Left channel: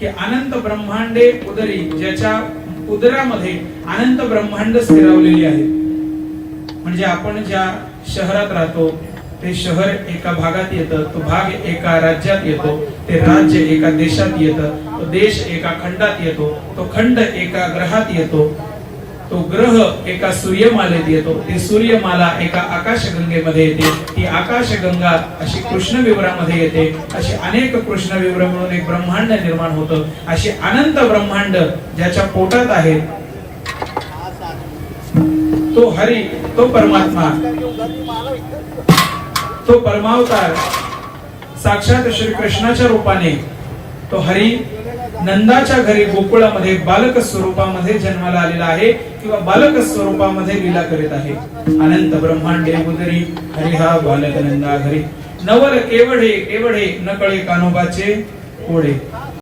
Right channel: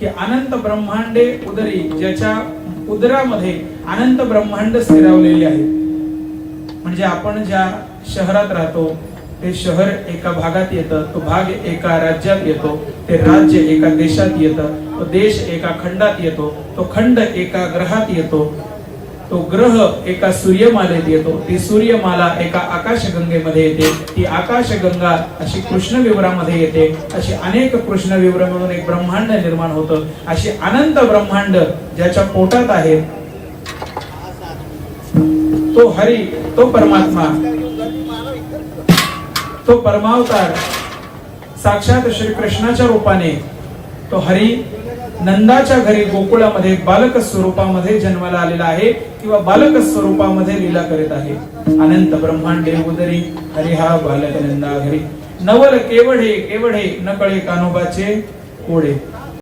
की अनंत ब्रह्मांडे उदरी, ज्याच्या उदरामध्ये अनंत ब्रह्मांड स्थिरावलेली आहे. म्हणजे आपण ज्या शहरात राहतो ते शहर एका भागात येतं, तो भाग एका राज्यात येतो, ते राज्य एका देशात येतं, तो देश एका खंडात येतो, तो खंड एका ग्रहात येतो, तो ग्रह एका सूर्यमालेत येतो, ती सूर्यमाला एका आकाशगंगेमध्ये येते, ती आकाशगंगा अशी कृष्णविवरामध्ये येते, अशी अनेक कृष्णविवर मिळून एक ब्रह्मांड निर्माण होतं. अशी अनंत ब्रह्मांड ज्याच्या पोटात आहे तो हरी, तो परमात्मा, तो परमावतार साक्षात श्री कृष्णाच्या रूपाने तो हरी नंदाच्या घरी गोकुळामध्ये बालक स्वरूपामध्ये जन्माला आलेला आहे किंवा बालक स्वरूपामध्ये लीला करीत आहे. अनंत ब्रह्मांडे उदरी हरी हा बालक नंदा घरी, नवल केवढे केवढे न कळे कान्होबाचे कोडे.